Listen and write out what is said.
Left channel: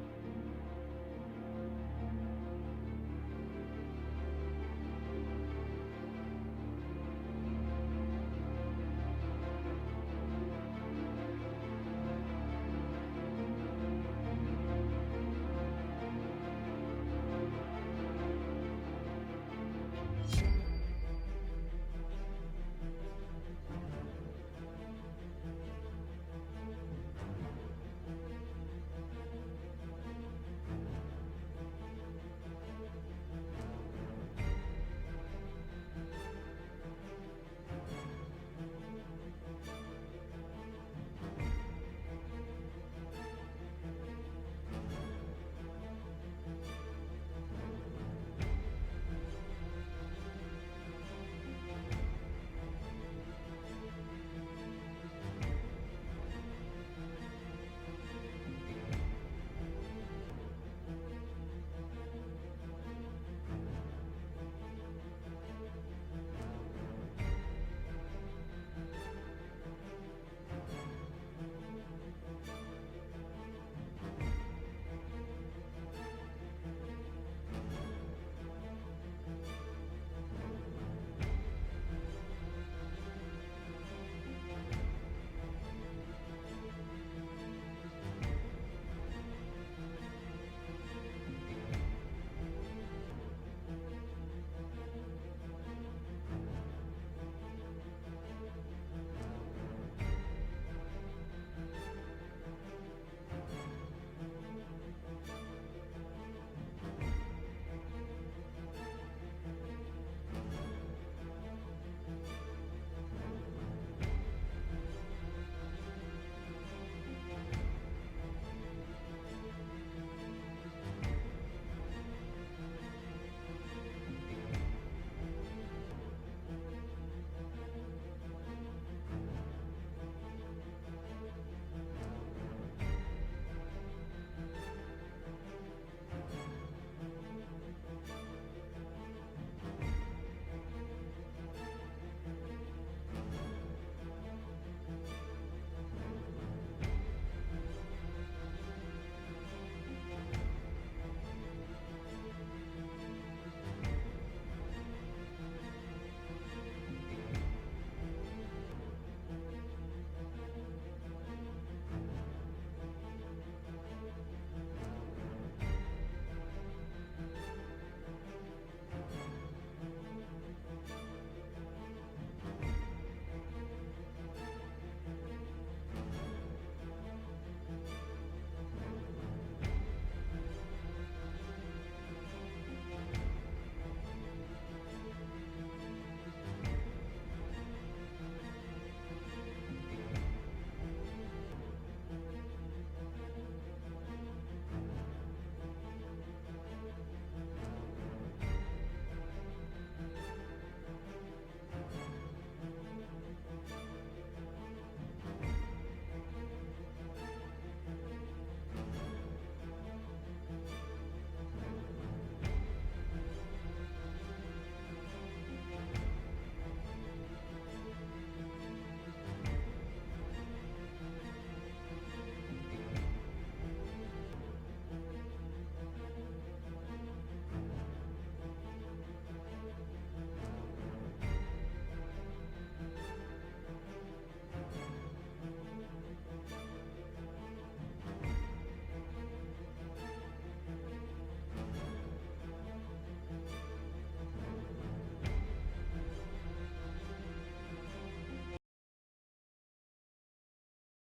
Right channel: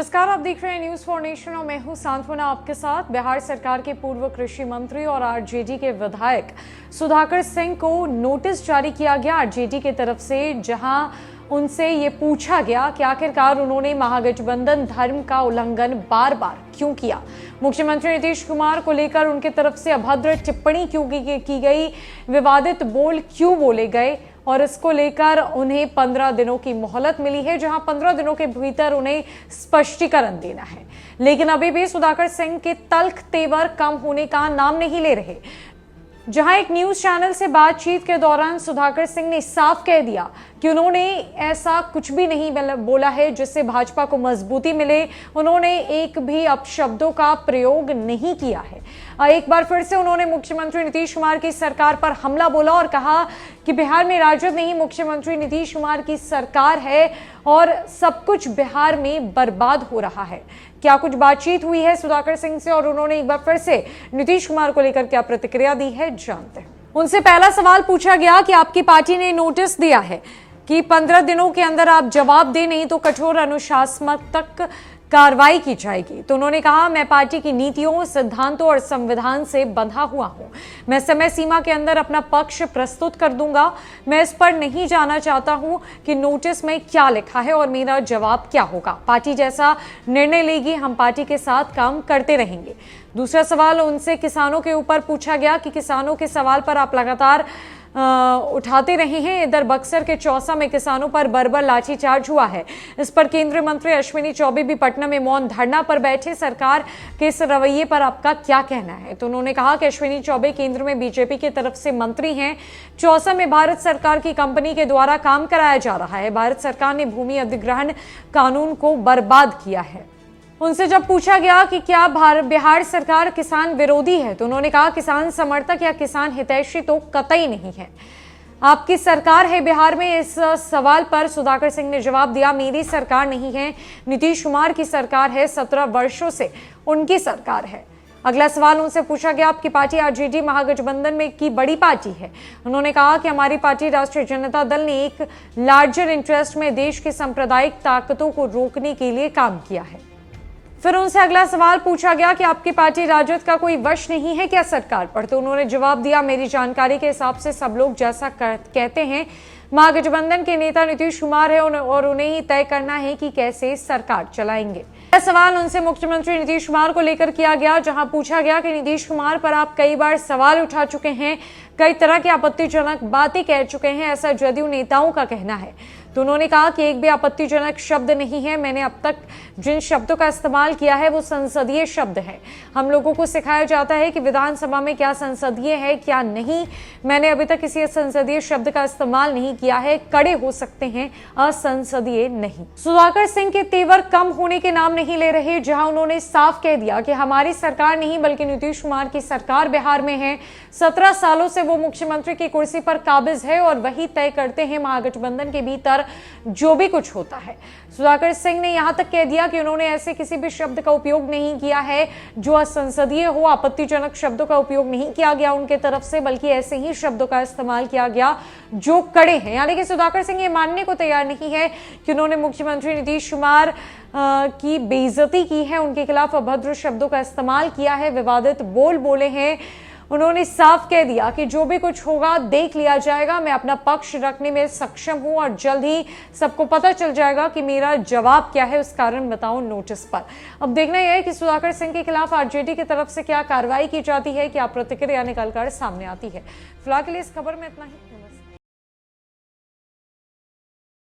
नमस्कार, आप देख रहे हैं न्यूज फॉर नेशन और मैं हूं सांत्वना आपके साथ। बिहार सरकार के पूर्व कृषि मंत्री और आरजेडी के विधायक सुधाकर सिंह को नोटिस जारी किया गया आरजेडी की तरफ से, जहां उनसे ये पूछा गया कि आखिरकार उन्होंने महागठबंधन धर्म का उल्लंघन बार बार क्यों किया। मुख्यमंत्री नीतीश कुमार को लेकर उनकी तरफ से अभद्र टिप्पणी क्यों की गई, विवादित बोल क्यों बोले गए, और इसको लेकर उन्हें 15 दिनों की मोहलत मिली है, जहां 15 दिनों के भीतर उन्हें स्पष्टीकरण देना है। लेकिन अभी भी सुधाकर सिंह के तल्ख तेवर कम होने का नाम नहीं ले रहे। जहां एक न्यूज चैनल से बातचीत के दौरान सुधाकर सिंह ने साफ कह दिया कि उन्होंने ऐसा कुछ भी नहीं बोला है जिससे भाजपा को मजबूती मिले। उन्होंने एक भी अपशब्दों का प्रयोग नहीं किया है। एक बार फिर से उन्होंने मुख्यमंत्री नीतीश कुमार की सरकार पर हमला बोला और कहा कि बिहार में राजद नहीं, मुख्यमंत्री नीतीश कुमार की सरकार है और सब कुछ बिहार में बर्बाद हो रहा है। क्या कुछ बातचीत हुई है सुधाकर सिंह से और उन्होंने एक बार फिर से नीतीश कुमार को लेकर क्या प्रतिक्रिया दी है, जानते हैं। उनसे पहला सवाल पूछा गया कि आपकी पार्टी ने नोटिस दिया है कि 15 दिनों के अंदर आप जवाब दें, नहीं तो कठोर अनुशासनात्मक कार्रवाई की जाएगी। तो उन्होंने कहा, मैं पार्टी की नीतियों, सिद्धांतों और संविधान से बंधा हुआ हूं। मैं समय सीमा के अंदर अपना पक्ष प्रस्तुत कर दूंगा। मैं इस पर नहीं जाना चाहता हूं कि नोटिस में क्या लिखा है और मेरा जवाब क्या होगा। पार्टी जैसा निर्णय लेगी, हम पार्टी के साथ काम करते रहेंगे। दूसरा सवाल उनसे किसानों के ऊपर पूछा गया कि किसानों के सवाल पर आप लगातार उठाते रहे हैं। इधर बक्सर के चौसा में किसानों पर बर्बर लाठीचार्ज हुआ है। इस पर केंद्रीय मंत्री अश्विनी चौबे भी पटना में मौन धरना पर बैठे। सरकार के इस रवैये पर आपका क्या कहना है? तो उन्होंने कहा कि अश्विनी चौबे केंद्र में बीजेपी की तरफ से मंत्री हैं। चौसा में भारत सरकार की कंपनी के द्वारा काम कराया जा रहा है। भारत सरकार ने भूमि अधिग्रहण कानून को बर्बाद किया है। उनसे जब पूछा गया कि क्या बिहार सरकार किसान विरोधी है, तो उन्होंने कहा, किसान समर्थक या किसान हितैषी तो कतई नहीं है। आपकी सरकार है बिहार में। इस सवाल पर सुधाकर सिंह ने जवाब दिया, मेरी सरकार नहीं है, नीतीश कुमार की सरकार है। 17 वर्षों से उनकी सरकार है। अगला सवाल उनसे पूछा गया, आपकी पार्टी आरजेडी महागठबंधन में की बड़ी पार्टी है। उन्होंने कहा कि हमारी पार्टी राष्ट्रीय जनता दल ने एक लार्जर इंटरेस्ट में देश की सांप्रदायिक ताकतों को रोकने के लिए काम किया है। फिर उनसे अगला सवाल पूछा गया कि आपकी पार्टी राजद का कोई वश नहीं है क्या सरकार पर? तो उन्होंने जवाब दिया, मेरी जानकारी के हिसाब से सब लोग जैसा कहते हैं, महागठबंधन के नेता नीतीश कुमार है और उन्हें ही तय करना है कि कैसे सरकार चलाएंगे। यह सवाल उनसे मुख्यमंत्री नीतीश कुमार को लेकर किया गया, जहां पूछा गया कि नीतीश कुमार पर आप कई बार सवाल उठा चुके हैं, कई तरह की आपत्तिजनक बातें कह चुके हैं, ऐसा जदयू नेताओं का कहना है। तो उन्होंने कहा कि एक भी आपत्तिजनक शब्द नहीं है। मैंने अब तक जिन शब्दों का इस्तेमाल किया है वो संसदीय शब्द है। हम लोगों को सिखाया जाता है कि विधानसभा में क्या संसदीय है क्या नहीं। मैंने अभी तक किसी संसदीय शब्द का इस्तेमाल नहीं किया है। कड़े हो सकते हैं, असंसदीय नहीं। सुधाकर सिंह के तेवर कम होने के नाम नहीं ले रहे, जहां उन्होंने साफ कह दिया कि हमारी सरकार नहीं बल्कि नीतीश कुमार की सरकार बिहार में है। 17 सालों से वो मुख्यमंत्री की कुर्सी पर काबिज है और वही तय करते हैं महागठबंधन के भीतर जो भी कुछ होता है। सुधाकर सिंह ने यहां तक कह दिया कि उन्होंने ऐसे किसी भी शब्द का उपयोग नहीं किया है जो असंसदीय हो। आपत्तिजनक शब्दों का उपयोग नहीं किया गया उनके तरफ से, बल्कि ऐसे ही शब्दों का इस्तेमाल किया गया जो कड़े हैं। यानी कि सुधाकर सिंह ये मानने को तैयार नहीं है कि उन्होंने मुख्यमंत्री नीतीश कुमार की बेइज्जती की है, उनके खिलाफ अभद्र शब्दों का इस्तेमाल किया है, विवादित बोल बोले हैं। उन्होंने साफ कह दिया कि जो भी कुछ होगा देख लिया जाएगा। मैं अपना पक्ष रखने में सक्षम हूं और जल्द ही सबको पता चल जाएगा कि मेरा जवाब क्या है। उस कारण बताऊं नोटिस पर। अब देखना यह है कि सुधाकर सिंह के खिलाफ आरजेडी की तरफ से क्या कार्रवाई की जाती है, क्या प्रतिक्रिया निकलकर सामने आती है। फिलहाल के लिए इस खबर में इतना ही।